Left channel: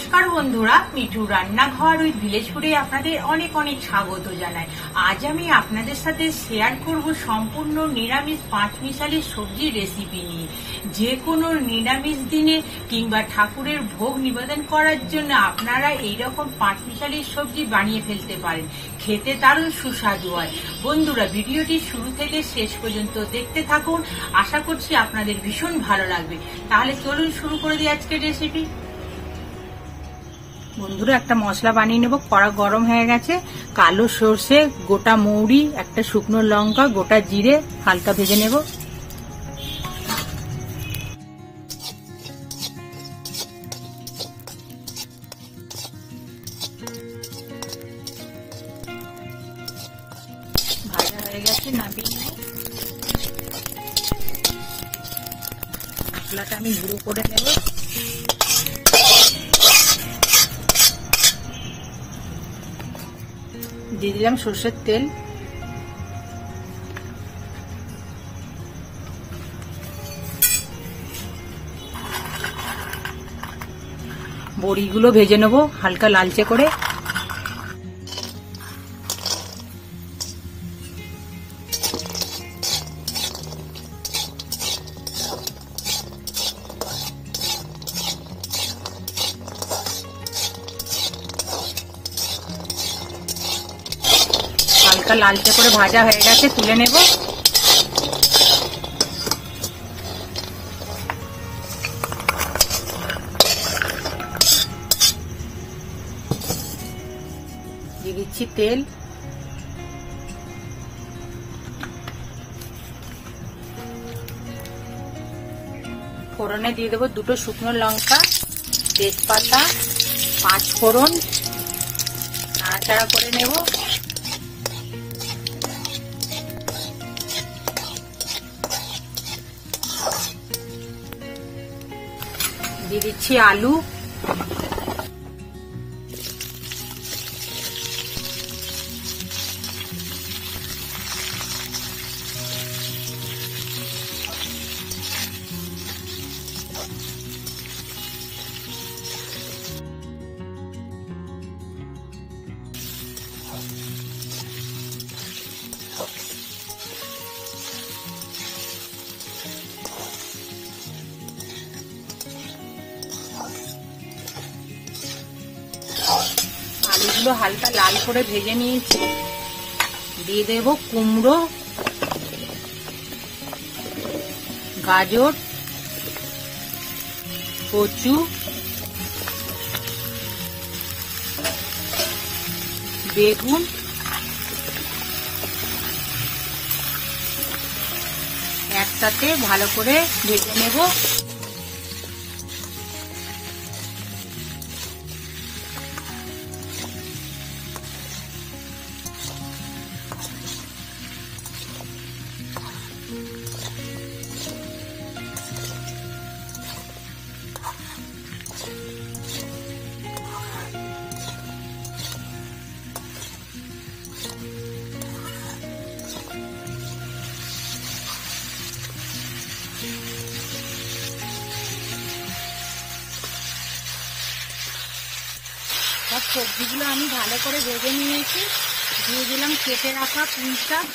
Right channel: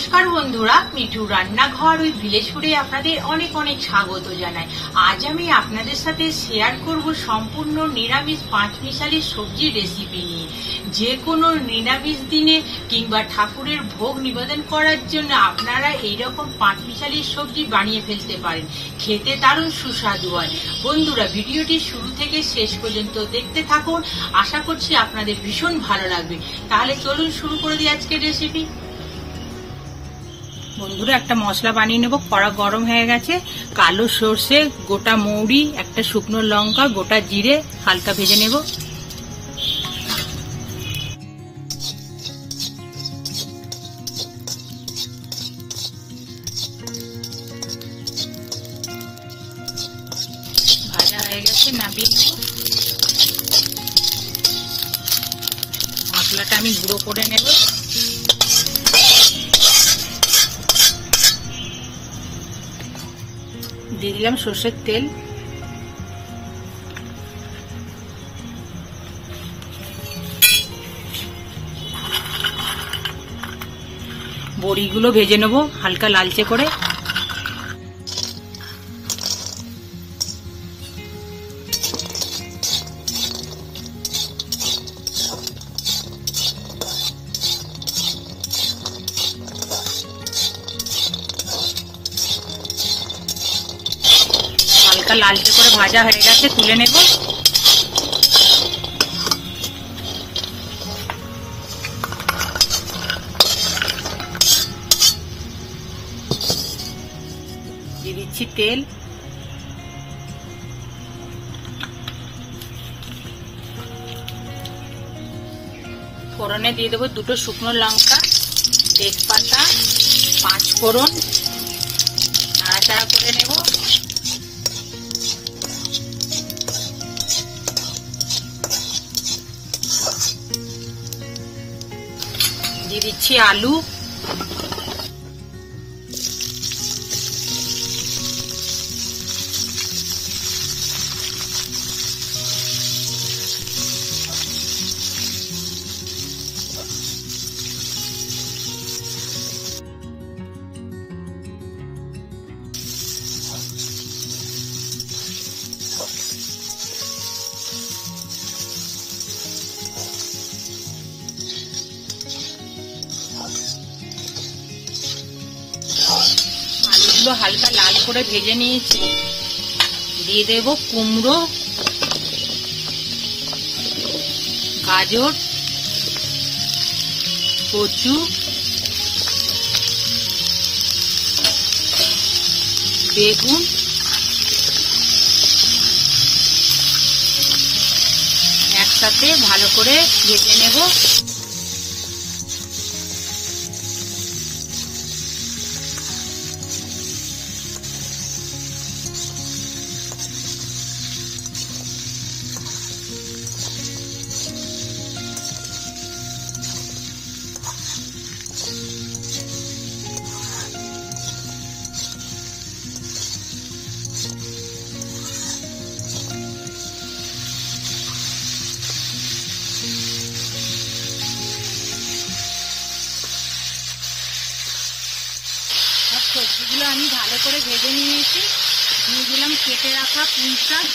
নমস্কার বন্ধুরা, মিঠু রান্নাঘর উইথ ভিলেজ ফুডে আপনাদের অনেক অনেক স্বাগত জানাই। আজ আমি আপনাদের সাথে শেয়ার করব সম্পূর্ণ নিরামিষ পাঁচমিশালি সবজির রেসিপি নিয়ে। যে কোনো নিরামিষ দিনে কিংবা ঠাকুরের ভোগ নিবেদন করার জন্য আপনারা এইরকম পাঁচমিশালি সবজি বানিয়ে ফেলতে পারেন। খেতে দারুণ সুস্বাদু হয়। বন্ধুরা, ভিডিওটি শুরু থেকে শেষ পর্যন্ত দেখতে থাকুন, আশা করছি আপনাদের ভীষণ ভালো লাগবে। তাহলে চলুন শুরু করে দিই আজকের রেসিপি। বন্ধুরা, একটা মশলা বানিয়ে নেব। কড়া গরম হয়ে গেছে। কালো সর্ষে, গোটা মৌরি, একটা শুকনো লঙ্কা, গোটা জিরে হালকা ভেজে নেব। ভাজা হয়ে গেছে, নামিয়ে নেব। মশলাটা আমি গুঁড়ো করে নেব। দিয়ে দিলাম সর্ষের তেল, বড়িগুলো ভেজে নেব হালকা লালচে করে। হালকা লালচে করে ভাজা হয়ে গেছে, তুলে নেব। দিয়ে দিচ্ছি তেল, ফোড়নে দিয়ে দেবো দুটো শুকনো লঙ্কা, তেজপাতা, পাঁচ ফোড়ন, নাড়াচাড়া করে নেব। দিয়ে দিচ্ছি আলু, আলুগুলো হালকা লাল করে ভেজে নিয়েছি। দিয়ে দেব কুমড়ো, গাজর, কচু, বেগুন, একসাথে ভালো করে ভেজে নেব। সব সবজিগুলো আমি ভালো করে ভেজে নিয়েছি। দিয়ে দিলাম কেটে রাখা পুঁই শাক,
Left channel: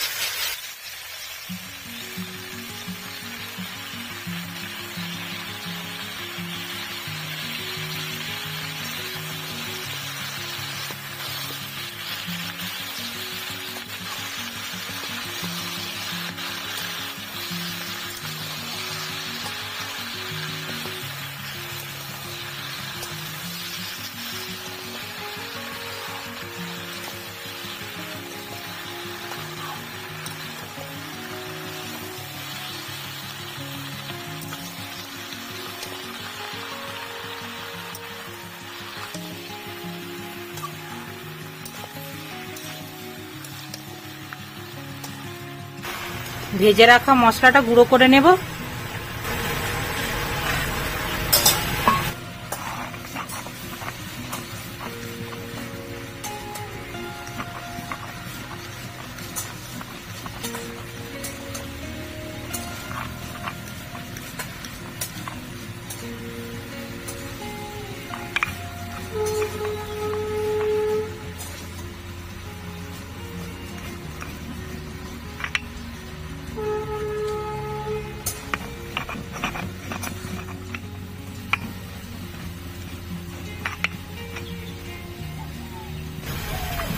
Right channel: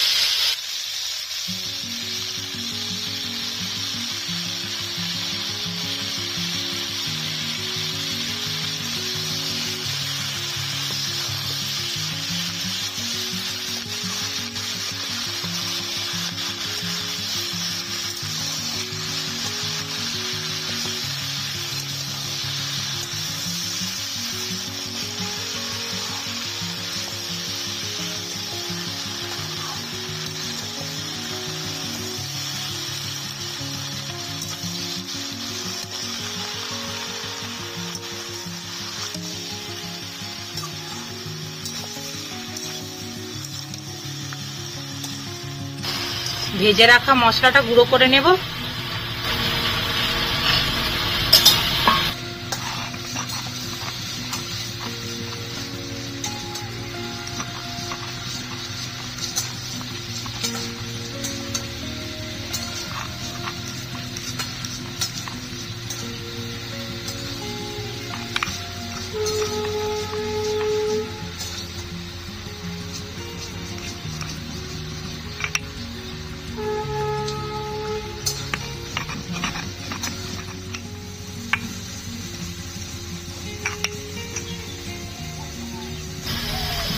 ভেজে রাখা মশলাটা গুঁড়ো করে নেব।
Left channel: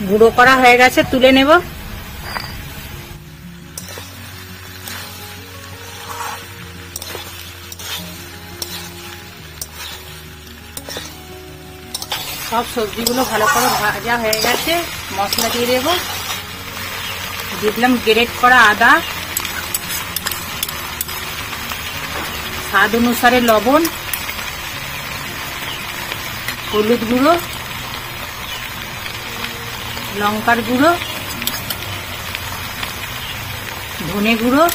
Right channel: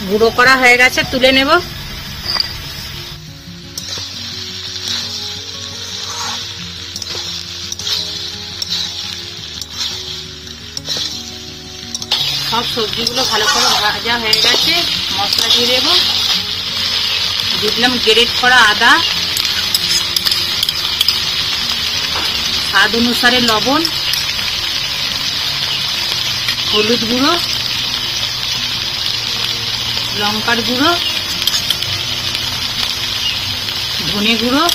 গুঁড়ো করা হয়ে গেছে, তুলে নেব। সব সবজিগুলো ভালো করে ভাজা হয়ে গেছে, মশলা দিয়ে দেবো। দিয়ে দিলাম গ্রেট করা আদা, স্বাদ অনুসারে লবণ, হলুদ গুঁড়ো, লঙ্কার গুঁড়ো, ধনে গুঁড়ো,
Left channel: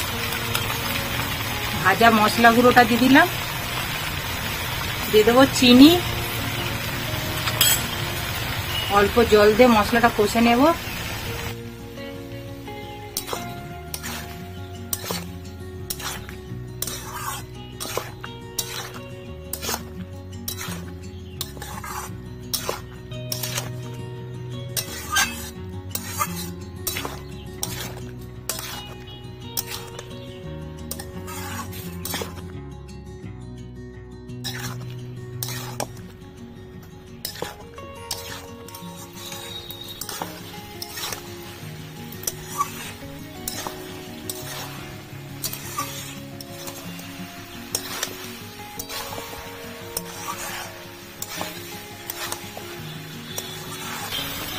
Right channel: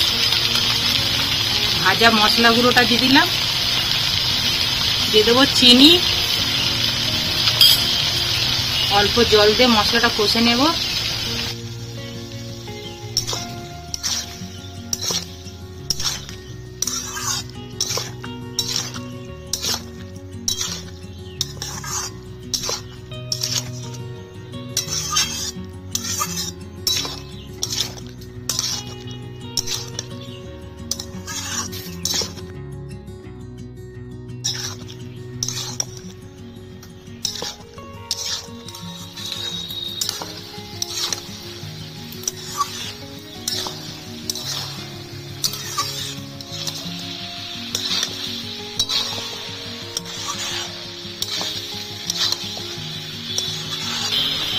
ভাজা মশলা গুঁড়োটা দিয়ে দিলাম। দিয়ে দেবো চিনি, অল্প জল দিয়ে মশলাটা কষে নেব।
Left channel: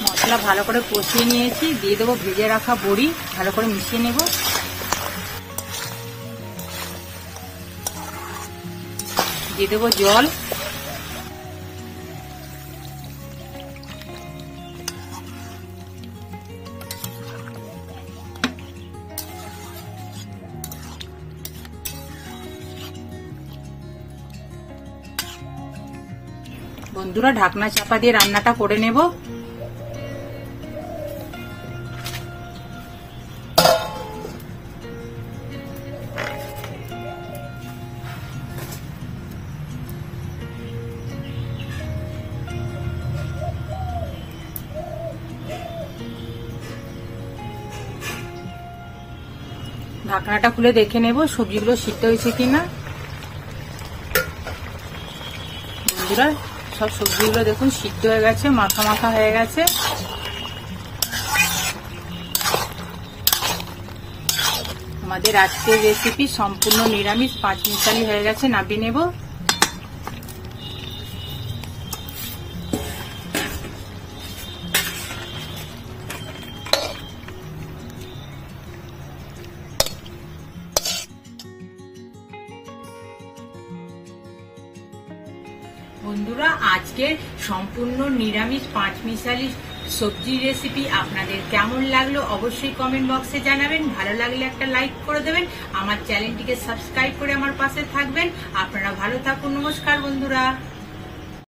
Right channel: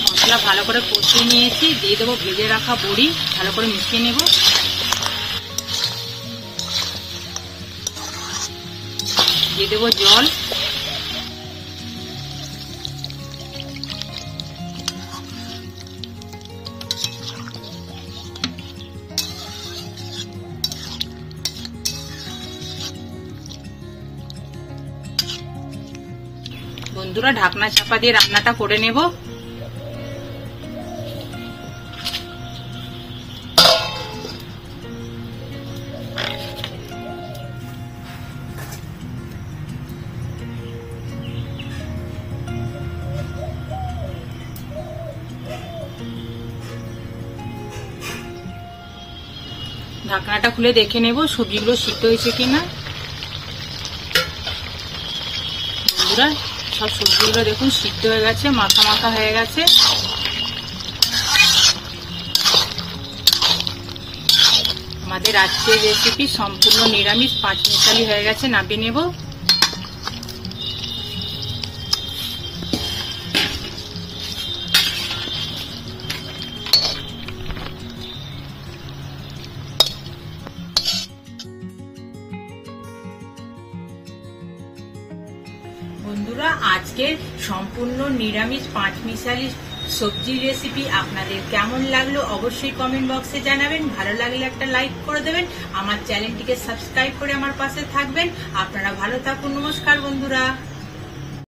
মশলা ভালো করে কষিয়ে নিয়েছি, দিয়ে দেবো ভেজে রাখা বড়ি, ভালো করে মিশিয়ে নেব। দিয়ে দেবো জল, বন্ধুরা ঢাকনা চাপা দিয়ে রান্নাটা করে নেব। ঢাকনাটা খুলে দেখে নেব সবজিগুলো সিদ্ধ হয়েছে কিনা। বন্ধুরা সব সবজিগুলো দেখুন সিদ্ধ হয়ে গেছে, মাখা মাখা হয়ে গেছে। আমাদের আজকের রেসিপি সম্পূর্ণ নিরামিষ পাঁচমিশালি হয়ে গেছে, নামিয়ে নেব। বন্ধুরা আজকের সম্পূর্ণ নিরামিষ পাঁচমিশালি সবজি রেসিপি আপনাদের কেমন লাগলো অবশ্যই কমেন্ট বক্সে জানাবেন। ভালো লাগলে একটা লাইক করে দেবেন, আমার চ্যানেলটিকে সাবস্ক্রাইব করে আমার পাশে থাকবেন। আপনারা ভালো থাকুন, নমস্কার বন্ধুরা।